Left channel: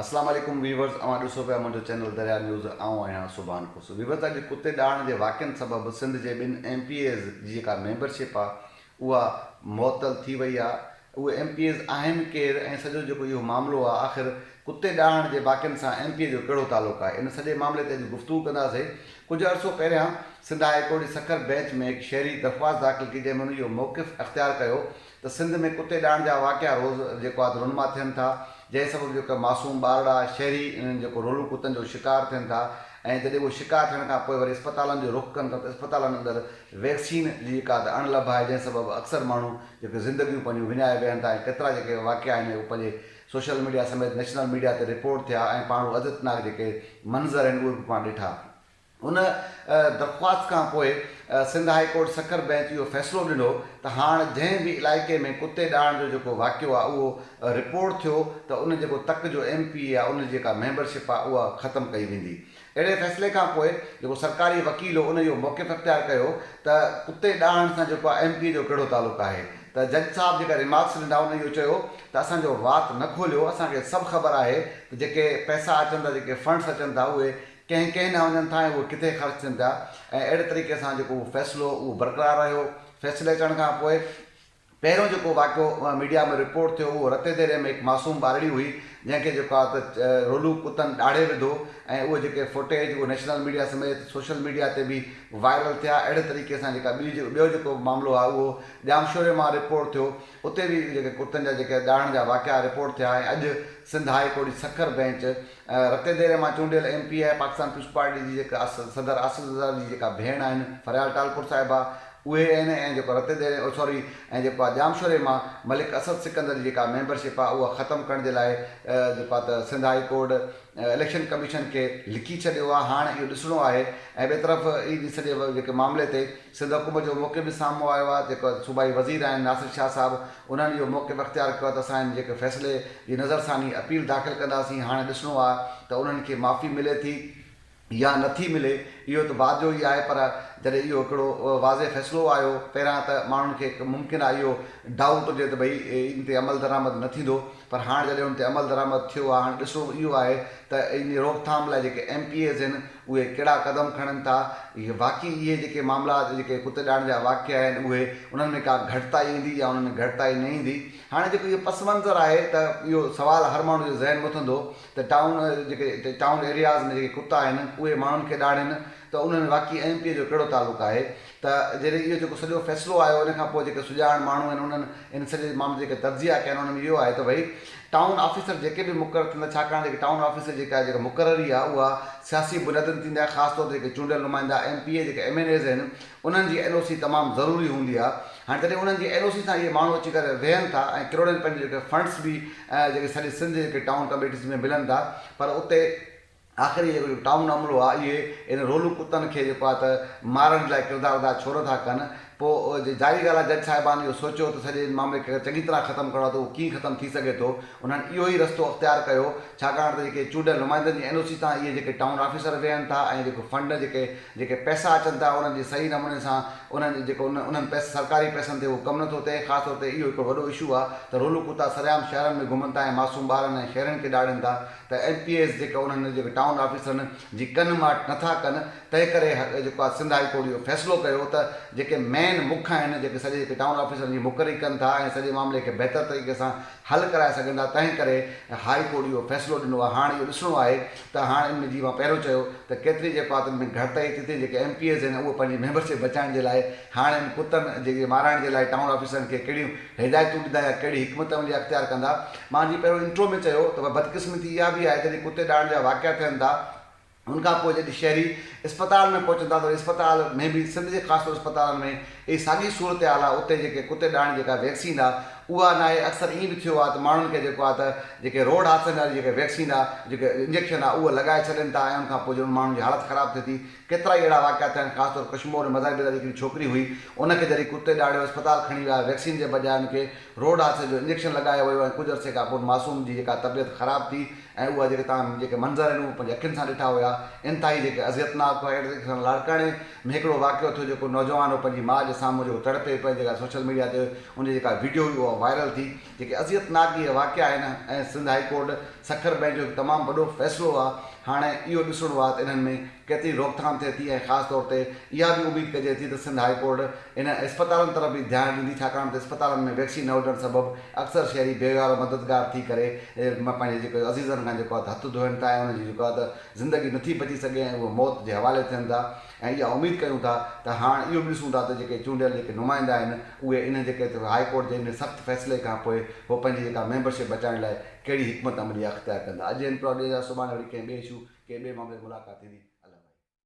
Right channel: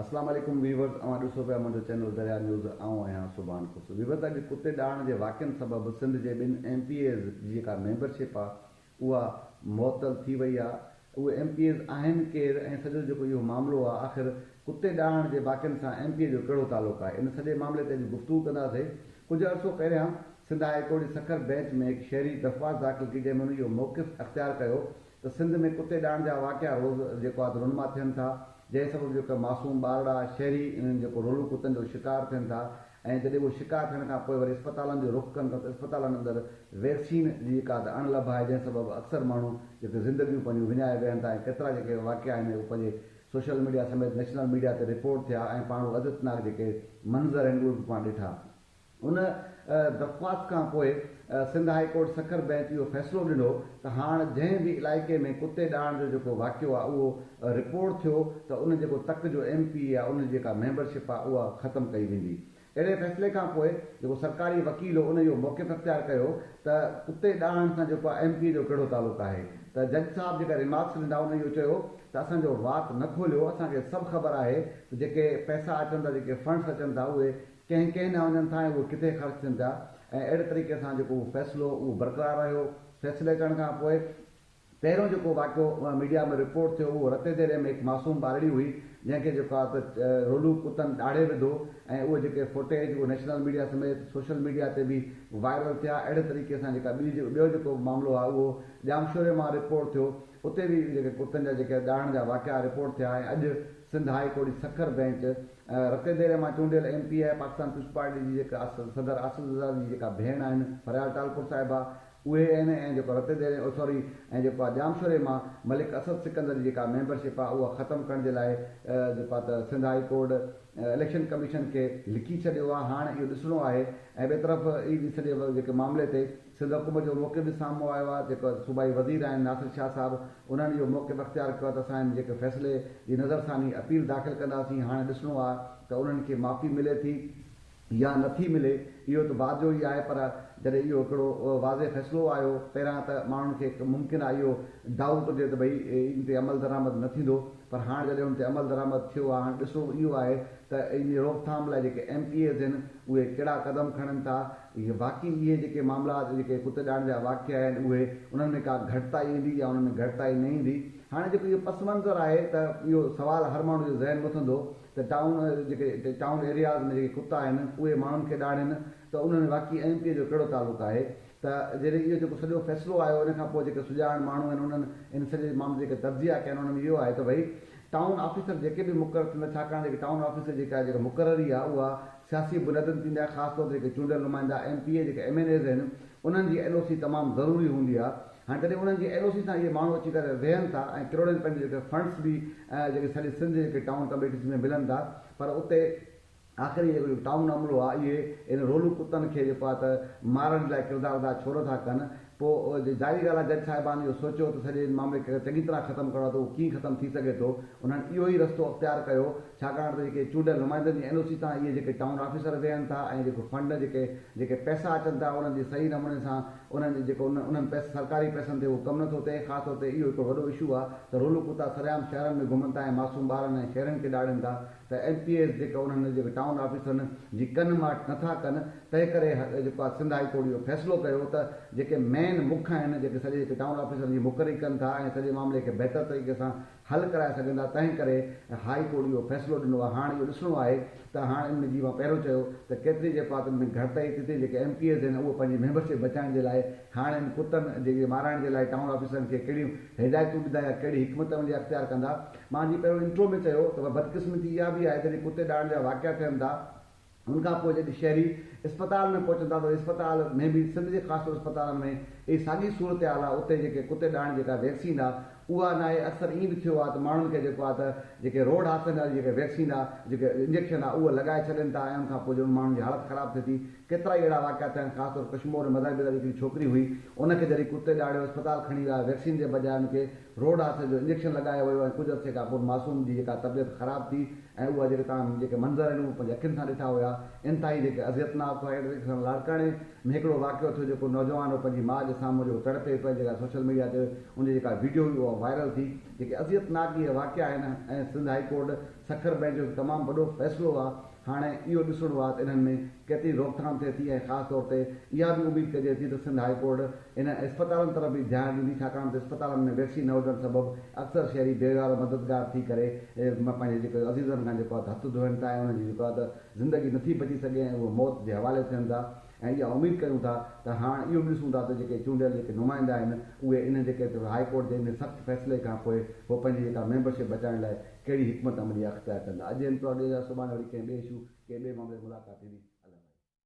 अस्सलाम वालेकुम वीवर्स, अवां ॾिसो पिया मुंहिंजो चैनल दरिया न्यूज़। आऊं आहियां सुभान खुश। वीवर्स, अॼु कुते ॾाण जे वाक़िअनि सबबि सिंध जे ॿिनि MPAs जी जेका मेंबरशिप आहे उहा मुअतल थी वई आहे। उहे MPAs आहिनि केरु ऐं सॼो जेको इहो मामिलो आहे, आख़िर कुते ॾाण जे वाक़िअनि सां MPA जो कहिड़ो तालुक़ु आहे, इन सॼे मामले ते अॼु गुफ़्तगू कंदासीं। कुझु अर्सो पहिरियां सिंध हाई कोर्ट जी सखर बेंच में हिकु शहरी दरख़्वास्त दाख़िल कई, जंहिंमें इहो मौक़िफ़ अख़्तियार कयो त सिंध में कुते ॾाण जा वाक़िआ रोज़ जेको आहे रुनमा थियनि था, जंहिं सबबु जेका मासूम ॿारड़ा शहरी इन्हनि जेको रोलू कुतनि जो शिकार थियनि था। ऐं जॾहिं उहे शिकार थियण खां पोइ वरी अस्पतालनि जो रुख़ कनि था त अस्पतालनि अंदरि वैक्सीन जी जेका अणलभ आहे, जंहिं सबबु अक्सर माण्हू जेके ज़िंदगियूं पंहिंजूं विञाए वियनि था। ऐं केतिरा जेके वाक़िआ आहिनि उहे पंहिंजे सोशल मीडिया समेत नेशनल मीडिया ते रिपोर्ट थिया ऐं पाण अज़तनाक जेके मंज़र आहिनि उहे बि पाण ॾिठा। उन दरख़्वास्त खां पोइ Sindh high court Sukkur bench इहो फ़ैसिलो ॾिनो त हाणे जंहिं बि इलाइक़े में कुते ॾाण जो जेको वाक़ियो आहे उहो रिपोर्ट थियो त उन जेको तक जो MPA आहे, उन जेका मेंबरशिप आहे उहा ख़तमु कई वेंदी। अहिड़े फ़ैसिले खां पोइ जेको सरकारी वकील हो, उन इहो मौक़िफ़ अख़्तियार कयो त कुते ॾाण सां जेको आहे MPA जो कहिड़ो तालुक़ु आहे। त जज साहब जेका रिमार्क्स ॾिना उन इहो चयो त असांजो वात न खोलियो, असांखे सभु ख़बर आहे त जेके पैसा अचनि था, जेके फंड्स अचनि था, उहे कंहिं न वञनि था ऐं उहे किथे ख़र्च थियनि था। ऐं अहिड़े तरीक़े सां जेको फ़ैसिलो उहो बरक़रार रहियो। फ़ैसिले अचण खां पोइ पहिरियों जेको वाक़ियो मीडिया में रिपोर्ट थियो उहो रते देरे में हिकु मासूम ॿारड़ी हुई, जंहिंखे जेको आहे त रोलू कुतनि ॾाढे विधो ऐं उहे जेके फुटेज उहे नेशनल मीडिया समेत सोशल मीडिया ते बि वायरल थिया। अहिड़े तरीक़े सां जेका ॿियो जेको मामिलो आहे उहो ॼामशोरे मां रिपोर्ट थियो, उते बि जेके कुतनि जा जेके ॾाण जा वाक़िआ रिपोर्ट थिया। ऐं अॼु सिंध हाई कोर्ट जी सखर बेंच रते देरे मां चूंडियल MPA आहे पाकिस्तान पीपुल्स पार्टी जी जेका सदर आसिफ ज़रदारी जी जेका भेण आहिनि फरियाल टालपुर साहिबा, उहे आहिनि। ऐं जेको रते देरे ऐं जेको आहे ॼामशोरे मां मलिक असद सिकंदर जी जेका मेंबरशिप आहे उहा ख़तमु करण जे लाइ जेको आहे त Sindh high court election commission खे लिखी छॾियो आहे। हाणे इहो ॾिसणो आहे। ऐं ॿिए तरफ़ ई सॼे जेके मामले ते सिंध हुकूमत जो मौक़िफ़ बि साम्हूं आयो आहे। जेको सूबाई वज़ीर आहिनि नासिर शाह साहिबु, उन्हनि इहो मौक़िफ़ अख़्तियार कयो आहे त असां जेके फ़ैसिले जी नज़रसानी अपील दाख़िल कंदासीं। हाणे ॾिसणो आहे त उन्हनि खे माफ़ी मिले थी या नथी मिले, इहो त बाद जो ई आहे। पर जॾहिं इहो हिकिड़ो वाज़े फ़ैसिलो आयो पहिरां त माण्हुनि खे मुमकिन आहे इहो डाउट हुजे त भई इन ते अमल दरामद न थींदो, पर हाणे जॾहिं उन ते अमल दरामद थियो आहे, हाणे ॾिसो इहो आहे त इन रोकथाम लाइ जेके MPAs आहिनि उहे कहिड़ा क़दम खणनि था। इहे बाक़ी इहे जेके मामला जेके कुते ॾाण जा वाक़िआ आहिनि उहे उन्हनि में का घटिताई ईंदी या उन्हनि में घटिताई न ईंदी। हाणे जेको इहो पस मंज़र आहे त इहो सुवालु हर माण्हू जो ज़हन में उथंदो त टाउन एरियाज़ में जेके कुता आहिनि उहे माण्हुनि खे ॾाढ़नि त उन्हनि वाक़ई MPA जो कहिड़ो तालुक़ु आहे। त जॾहिं इहो जेको सॼो फ़ैसिलो आयो उन खां पोइ जेके सुञाण माण्हू आहिनि उन्हनि इन सॼे मामले जेके तर्जिया कया आहिनि उन्हनि में इहो आहे त भई टाउन ऑफिसर जेके बि मुक़ररु थींदा, छाकाणि जेके टाउन ऑफिसर जेका मुक़ररी आहे उहा सियासी बुनियादनि थींदी आहे। ख़ासि तौर ते जेके चूंडियल नुमाइंदा MPA जेके MNAs आहिनि उन्हनि जी NOC तमामु ज़रूरी हूंदी आहे। हाणे जॾहिं उन्हनि जी NOC सां इहे माण्हू अची करे वेहनि था ऐं किरोड़नि पंहिंजे जेके फंड्स बि जेके सॼी सिंध जेके टाउन कमेटीज़ में मिलनि था, पर उते आख़िरी जेको टाउन अमलो आहे इहे इन रोलू कुतनि खे जेको आहे त मारण लाइ किरदारु अदा छो नथा कनि। पोइ जारी ॻाल्हि आहे जज साहिबान इहो सोचियो त सॼे मामले खे चङी तरह ख़तमु करिणो आहे त उहो कीअं ख़तमु थी सघे थो। उन्हनि इहो ई रस्तो अख़्तियार कयो, छाकाणि त जेके चूंडियल नुमाइंदनि जी NOC सां इहे जेके टाउन ऑफिसर वेहनि था ऐं जेको फंड जेके पैसा अचनि था उन्हनि जी सही नमूने सां उन्हनि जेको उन्हनि सरकारी पैसनि ते उहो कमु नथो थिए। ख़ासि तौर ते इहो हिकिड़ो वॾो इशू आहे त रोलू कुता सरेआम शहरनि में घुमनि था ऐं मासूम ॿारनि ऐं शहरनि खे ॾाढ़नि था। त MPAs जेके उन्हनि जेके टाउन ऑफिसरनि जी कनि माट नथा कनि, तंहिं करे जेको आहे सिंध हाई कोर्ट इहो फ़ैसिलो कयो त जेके मेन मुख आहिनि जेके सॼे जेके टाउन ऑफिसरनि जी मुक़ररी कनि था ऐं सॼे मामले खे बहितर तरीक़े सां हल कराए सघनि था, तंहिं करे हाई कोर्ट इहो फ़ैसिलो ॾिनो आहे। हाणे इहो ॾिसणो आहे त हाणे इन में जीअं मां पहिरियों चयो त केतिरी जेको आहे त इन में घटिताई थी थिए। जेके MPAs आहिनि उहे पंहिंजी मेंबरशिप बचाइण जे लाइ हाणे इन कुतनि जेके माराइण जे लाइ टाउन ऑफिसरनि खे कहिड़ियूं हिदायतूं ॾींदा या कहिड़ी हिकमत अमली अख़्तियार कंदा। मां जी पहिरियों इंट्रो में चयो त बदकिस्मती इहा बि आहे जॾहिं कुते ॾाण जा वाक़िआ थियनि था, उनखां पोइ जॾहिं शहरी अस्पताल में पहुचनि था त अस्पताल में बि सिंध जे ख़ासि तौर अस्पतालनि में इहा साॻी सूरत हाल आहे। उते जेके कुते ॾाण जेका वैक्सीन आहे उहा न आहे। अक्सर ईअं बि थियो आहे त माण्हुनि खे जेको आहे त जेके रोड हादसनि वारी जेके वैक्सीन आहे, जेके इंजेक्शन आहे, उहा लॻाए छॾनि था ऐं उनखां पोइ जो माण्हुनि जी हालत ख़राबु थिए थी। केतिरा ई अहिड़ा वाक़िआ थिया आहिनि। ख़ासि तौर कश्मीर में मज़ाहिबा जी हिकिड़ी छोकिरी हुई, उनखे जॾहिं कुते ॾाढ़ियो अस्पताल खणी विया वैक्सीन जे बजाए उनखे रोड हादसे जो इंजेक्शन लॻायो वियो ऐं कुझु अरसे खां पोइ मासूम जी जेका तबियत ख़राबु थी ऐं उहा जेके तव्हां जेके मंज़र आहिनि उहे पंहिंजी अखियुनि सां ॾिठा हुआ, इंतिहाई जेके अज़ियतनाक हुआ। अहिड़े तरीक़े सां लाड़काणे में हिकिड़ो वाक़ियो थियो जेको नौजवान हो पंहिंजी माउ जे साम्हूं जेको तड़पे पियो, जेका सोशल मीडिया ते उन जेका वीडियो हुई उहा वायरल थी। जेके अज़ियतनाक इहे वाक़िआ आहिनि ऐं Sindh high court Sukkur bench जो तमामु वॾो फ़ैसिलो आहे। हाणे इहो ॾिसणो आहे त इन्हनि में केतिरी रोकथाम थिए थी, ऐं ख़ासि तौर ते इहा बि उमेदु कजे थी त सिंध हाई कोर्ट इन अस्पतालनि तरफ़ बि ध्यानु ॾींदी, छाकाणि त अस्पतालनि में वैक्सीन न हुजण सबबु अक्सर शहरी बेवारो मददगार थी करे पंहिंजे जेको अज़ीज़नि खां जेको आहे हथु धोइनि था, ऐं उनजी जेको आहे त ज़िंदगी नथी बची सघे ऐं उहे मौत जे हवाले थियनि था। ऐं इहा उमेदु कयूं था त हाणे इहो बि ॾिसूं था त जेके चूंडियल जेके नुमाइंदा आहिनि उहे इन जेके हाई कोर्ट जे इन सख़्तु फ़ैसिले खां पोइ उहो पंहिंजी जेका मेंबरशिप बचाइण लाइ कहिड़ी हिकमत अमली अख़्तियार कंदा। अॼु इन प्रोग्राम जा सुभाणे वरी कंहिं ॿिए इशू कंहिं ॿिए मामले में मुलाक़ात थींदी।